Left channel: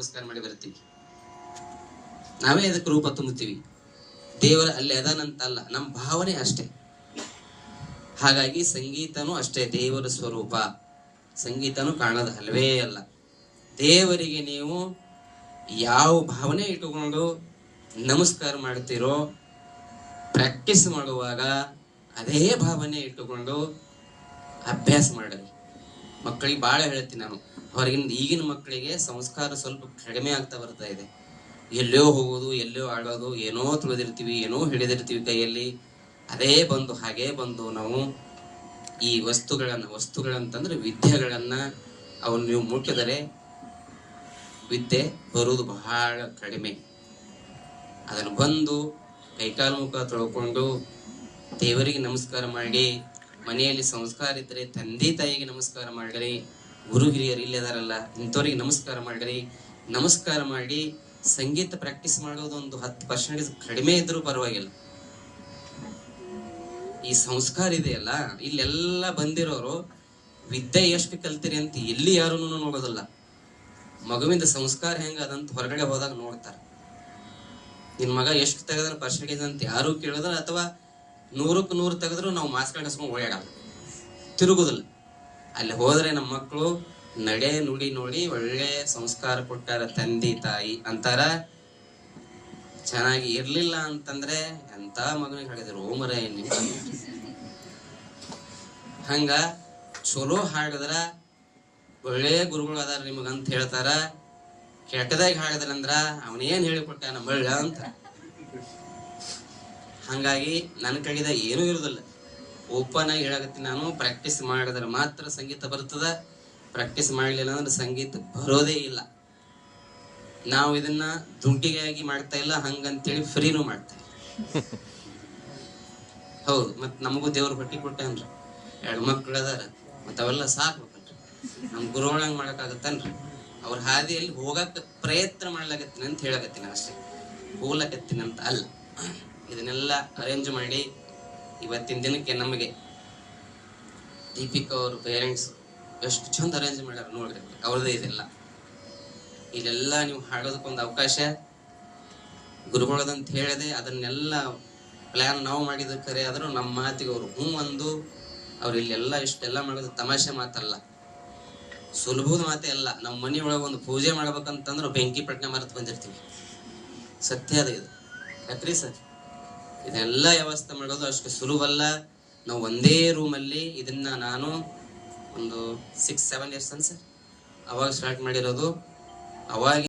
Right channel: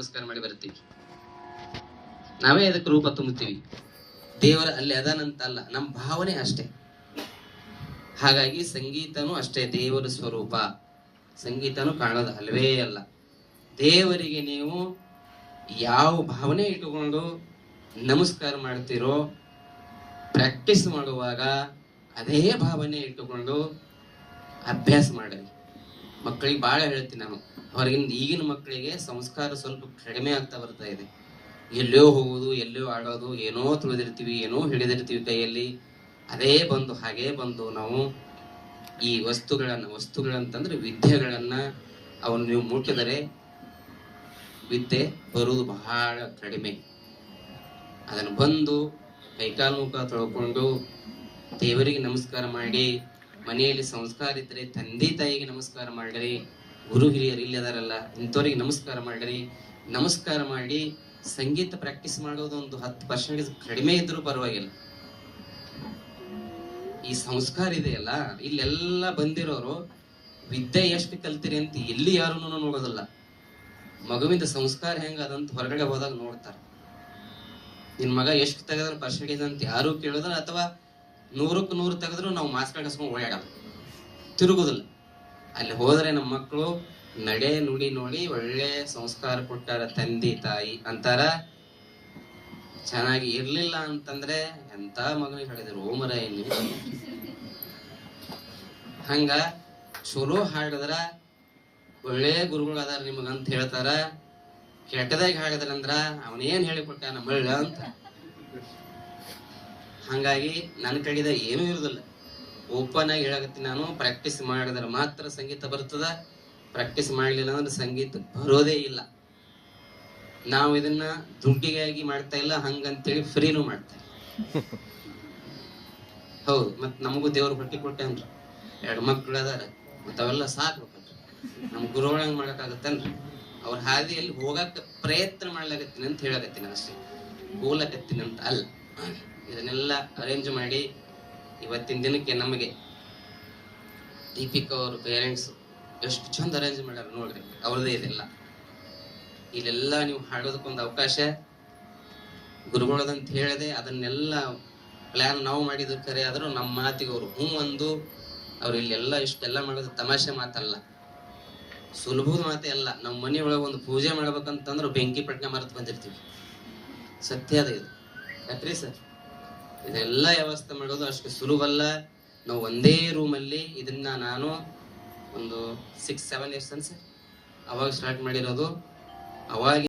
ನಮಸ್ಕಾರ ಮಾಡಿ ಬರ್ತೀವಿ. ನಾವೇ ಅದಕ್ಕೆ ರೂಪ ತುಂಬುತ್ತೀವಿ. ದೇವರ ಅಲ್ಲಿ ಅದಾನಂತಲ್ಲ, ನಮ್ಮ ಭಾವನೆ ಅಷ್ಟೇ. ಹಾಗಾಗಿ ಸಂಗೀತನೂ ಅಷ್ಟೇ ದೇವರ ಸ್ವರೂಪ. ಸಂಗೀತನೂ ಕಾಣೋದು ಅಲ್ವೇ ಅಲ್ಲ. ದೇವರಿಗೆ ನೀವು ಯಾವ ಭಾವನೆ ಇಟ್ಟುಕೊಂಡು ನಮಸ್ಕಾರ ಮಾಡ್ತೀರೋ, ಪ್ರಾಕ್ಟೀಸ್ ಮಾಡುವಾಗ ಅದೇ ಭಾವನೆ ಇಟ್ಟುಕೊಂಡು ಅಭ್ಯಾಸ ಮಾಡ್ರಿ. ಮಕ್ಕಳಿಗೆ ಭಾಳ ಹೇಳ್ತೀನಿ ನಾನು, ಹೊರಗಿನ ಈಗಿನ ಮಕ್ಕಳಿಗೆ ಸಂಸ್ಕಾರ ಸ್ವಲ್ಪ ಕಡಿಮೆ ಆಗ್ತಾ ಬರ್ತಾ ಇದೆ. ಎಲ್ಲೋ ಹೋಗೋದು, ಎಲ್ಲೋ ಆಡೋದು, ಏನೋ ತಿಳಿದಿರ್ತೀವಿ, ಏನೋ ಹಿಡಿದಿರ್ತೀವಿ ಕೈಯಲ್ಲಿ, ಅದೇ ಬಂದು ಹಾಗೇ ಬಂದು ನಾವು ಈ ವಸ್ತುಗಳಂತಂದ್ರೆ ವಿದ್ಯೆಗಳನ್ನ ಅವನು ನೀವು ಮುಟ್ಟಿದರೆ ವಿದ್ಯೆ ಬರುವುದು ಬಹಳ ಕಡಿಮೆ. ಅದನ್ನು ಬಂದು ಕೈಕಾಲು ಮುಖ ತೊಳ್ಕೊಂಡು ದೇವರಿಗೆ ನಮಸ್ಕಾರ ಮಾಡಿ, ಮನೆಯಲ್ಲಿ ಸಂಸ್ಕಾರ ಇದ್ದರೆ ತಂದೆ ತಾಯಿಗೆ ನಮಸ್ಕಾರ ಮಾಡಿರಿ, ಗುರು ಹಿರಿಯರು ಇಲ್ಲದಾರಲ್ಲ ಇಂಥವ್ರಿಗೆ ನಮಸ್ಕಾರ ಮಾಡಿರಿ. ನಮಸ್ಕಾರ ಮಾಡಿ ಸಂಗೀತ ಪ್ರಾಕ್ಟೀಸ್ ಮಾಡೋದು ಒಂದು 10% ಕಡಿಮೆ ಇದ್ರೂ ಪರವಾಗಿಲ್ಲ. ಈ ಸಂಸ್ಕಾರ ಇದೆಯಲ್ಲ, ಇಲ್ಲೆಲ್ಲ ಬಂದಿರೋರು ವಿದ್ಯೆ ಎಷ್ಟು ಕಲ್ತಿರಿ ಅಂತ ಎಲ್ಲಿ ಯಾರು ನೋಡೋದಿಲ್ಲ. ಮಗುವಿಂದ ಸಂಸ್ಕಾರ ಹೆಂಗ ಅದಂತ ಹೊರಗಡೆ ಹೋದಾಗ ನೋಡ್ತಾರೆ. ನಿನ್ ಮಗ ಎಷ್ಟು ತೆಗೆದ್ರೆ ಪರ್ಸೆಂಟೇಜ್ ಅಂತ ಯಾರು ಕೇಳೋದಿಲ್ಲ, ಅಥವಾ 100ಕ್ಕೆ 100 ತೆಗೆದ್ರು ನಾವು ಮಾಸ್ಕ್ ಹಾಕಿಸ್ಕೊಂಡು ಓಡಾಡ ತಿರುಗುದಿಲ್ಲ. ಅಲ್ಲಿ ಹೋದ್ರೆ ನಮ್ಮ ಮಕ್ಕಳು ನಡೆ ನುಡಿ ನೋಡಿ ಒಳ್ಳೆ ಸಂಸ್ಕಾರ ಕೊಟ್ಟಾರ ತಂದೆ ತಾಯಿ ಅಂತಾರ. ಚೆನ್ನಾಗಿ ಇರ್ಲಿಲ್ಲ ಅಂತಂದ್ರೆ ಎಂತ ಮಗನಿಗೆ ಹೇಳಿದ್ರು ಓಮರ ಎಲ್ಲಿ. ಹಂಗ ಚಲೋ ಹಾಡಿದ್ರ ಒಳ್ಳೆ ಗುರುಗಳು ಅದಾರ ನಿಮಗಂತ ಹೇಳ್ತಾರ. ಕೆಟ್ಟದಾಗಿ ಹಾಡಿದ್ರಂದ್ರ ಅವನೇನ್ ಹೇಳಿಕೊಟ್ಟಾನ ಮಳ್ಳ ಅಂತ. ಹಂಗಾಗಿ ನನ್ನ ಕೈದಾಗ ಏನೂ ಇರುದಿಲ್ಲ. ಓಪನ್ ಆಗಿ ಹೇಳಕತ್ತೀನಿ ನಾನು. ಪ್ರಾಕ್ಟೀಸ್ ಮಾಡಿದ್ರೆ ಮಾತ್ರ ಸಂಗೀತ ಬರ್ತದ. ಪ್ರಾಕ್ಟೀಸ್ ಮಾಡ್ಲಿಲ್ಲ ಅಂದ್ರೆ ಸಂಗೀತ ಬರೋದೇ ಇಲ್ಲ. ನಾವು ಇದನ್ನ ದುಡ್ಡಿಗಾಗಿ ಮಾಡ್ತಾ ಇಲ್ಲ, ಹಂಗಂತೇಳಿ ಫ್ರೀನೂ ಮಾಡ್ತಾ ಇಲ್ಲ. ಹೌದು, ಮತ್ ನಮಗೂ ದೇವ್ರ ಹೊಟ್ಟಿ ಕೊಟ್ಟನ್ರಿ, 2 ಮಕ್ಳು ಅದಾರ, ಮತ್ ಅವೆಲ್ಲ ಸಾಕ್ಬೇಕಲ್ರಿ. ನಮ್ ಗುರುಗಳಂಗ್ ಮಾಡಕ್ಕಾಗತ್ತನ್ರಿ? ಅವ್ರ ಹಾದಿಯಲ್ಲಿ ಹೋಗಕ್ ಪ್ರಯತ್ನ ಮಾಡ್ಲಾಕತ್ತೀನಿ ಅಂತ ಹೇಳಕತ್ತೀನಿ ಅಷ್ಟೇ, ಹೋಗ್ಲಕತ್ತೀನಿ ಅಂತ ಅಲ್ಲ. ಇದನ್ನೆಲ್ಲ ಅರೇಂಜ್ ಮಾಡಿ ಇವತ್ತಿನ ದಿನಕ್ಕೆ ನಮಗೆ ದೀಪಿಕಾ ಅವ್ರ ಪೇರೆಂಟ್ಸ್ ಎಷ್ಟು ಚಂದ ಅರೇಂಜ್ ಮಾಡ್ಯಾರ ನೋಡ್ರಿ. ಅವ್ರದೇ ಇದೆಲ್ಲ. ಇಲ್ಲೆಲ್ಲ ನೀವು ಹಾಡೋದಕ್ಕೊಂದು ಅವಕಾಶ ಗುರುಗಳದಂತ ಹೇಳಿದೆ. ಅದನ್ನೆಲ್ಲ ಪ್ಲಾನ್ ನಾವು ಮಾಡಿದ ಖರೆ ಆದ್ರೂ ನಮ್ಮ ಮಾತಿಗೆ ಅವರು ಹ್ಞೂ ಒಂದು ಅವ್ರು ಇಲ್ಲೆಲ್ಲ ಇಷ್ಟೆಲ್ಲ ಮಾಡೋದು ತಮಾಷೆ ಮಾತಲ್ಲ, ಸುಲಭದ ಮಾತೇ ಅಲ್ಲ. ನಮ್ಮ ಮನೆಯೊಳಗೆ ಒಂದು ಪೂಜೆ ಮಾಡ್ಬೇಕಂತಂದ್ರೆ ಬೆಂಕಿ ಪಟ್ನ ಮರೆತು ಬಂದಿರ್ತೀವಿ. ಸತ್ಯ ಅದ ಇದು. ಯಾಕ್ರಿ ಸರ್, ಇದೆಲ್ಲ ವ್ಯವಸ್ಥೆ ಮಾಡೋದು ಅಷ್ಟು ಸುಲಭ ಅಲ್ಲ. ನಾವು ಒಂದೇ ರೂಮಲ್ಲಿ ಇದನ್ನ ನಾನು ಒಂದು 6-7 years ಅನ್ಸ ಅವಾಗ ಸ್ಟಾರ್ಟ್ ಮಾಡಿರೋದು. ಅವಾಗ